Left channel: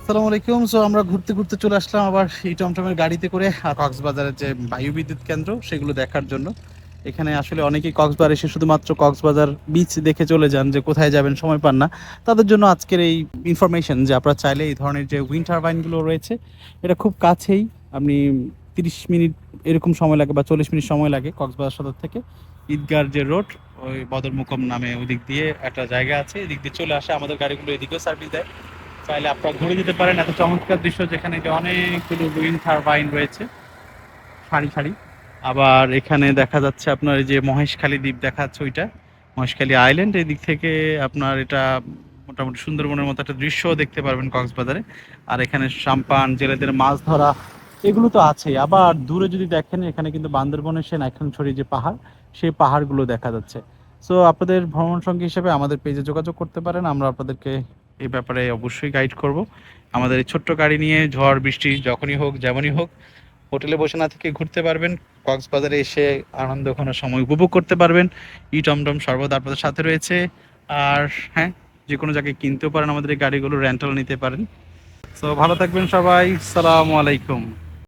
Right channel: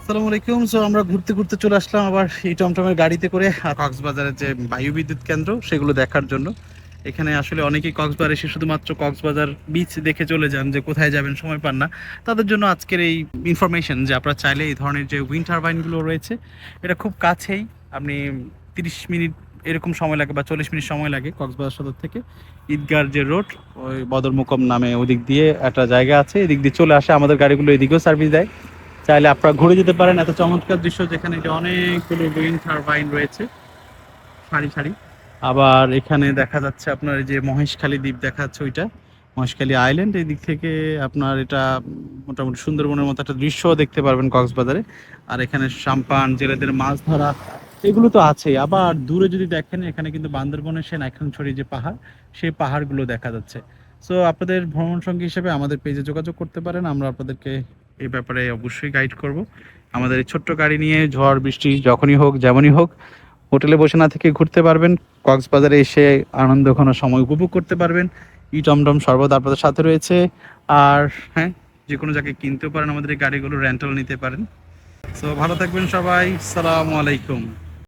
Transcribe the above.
আসসালামু আলাইকুম। সো আমরা ঘুরতে ঘুরতে চলে আসলাম আবার এই টমটমের গাড়িতে করে কক্সবাজারের যে বায়ু বিদ্যুৎ কেন্দ্র সেগুলো দেখার জন্য। এখানে আসলে অনেকেই কক্সবাজার এসে শুধুমাত্র কক্সবাজার বিচ দেখে চলে যান, যে কোথায় যাবেন সময় পান না। তাদের জন্য আজকের এই ইনফরমেশন যে আপনারা চাইলে এই ধরনের যে উইন্ড টারবাইনগুলো রয়েছে, এটা খুব কাছেই। আপনি 30 মিনিট এরকম সময় লাগে বা 40 মিনিট সময় লাগে কক্সবাজার সদর থেকে। ঈদগার যে রোড, ওই বদরমুকম নামে ওদিক দিয়ে একটা জায়গা আছে, এদিক দিয়ে চলে আসে। আমাদের গাড়িগুলো এদিকেও সার্ভিস দেয়, চাইলে আপনারা ঘুরে দিতে পারেন। এত চমৎকার দৃশ্য, যেখানে যে অনেকগুলো উইন্ড টারবাইন রয়েছে সারি সারি। আবার এখানে দেখা যাচ্ছে আপনার এই যে মহেশখালী দ্বীপ দেখা যাচ্ছে, ওইটা মহেশখালী আইল্যান্ড। এই দিক থেকে আপনার এটা মোটামুটি সুন্দরবনের মতো একটা দৃশ্য দেখতে পারবেন কক্সবাজারে। আর এখানে সাম্পান, জেলেদের মাছ ধরা, এগুলো তো আছেই। আবার দূরে যদি দেখেন, এখানে কিন্তু বান্দরবনের সে নাইক্ষ্যংছড়ি যে পাহাড়, সেই পাহাড়গুলো দেখা যাচ্ছে। সো আপনাদের ভ্রমণ সঙ্গী হিসেবে আমাদের পেজে যোগাযোগ করতে পারেন, আমরা আপনাদেরকে এই ব্যাপারে অবশ্যই গাইড করব। আমাদের এই ছোট্ট গাড়ি নিয়ে ঝড় বৃষ্টি যখনই হোক যেমনই হোক, হোটেলে বসে না থেকে ঘুরতে পারবেন, কক্সবাজারে এসে আনন্দ ঘন সময় উপভোগ করতে পারবেন। ই টমটম সর্বদা আপনাদের সাথে রয়েছে। আর হ্যাঁ, যে কোনো জায়গায় কিনতেও পারেন, আমাদের এই গাড়িগুলো রেন্টাল নিতে পারেন। সো ভালো থাকবেন সবাই, সালামু আলাইকুম।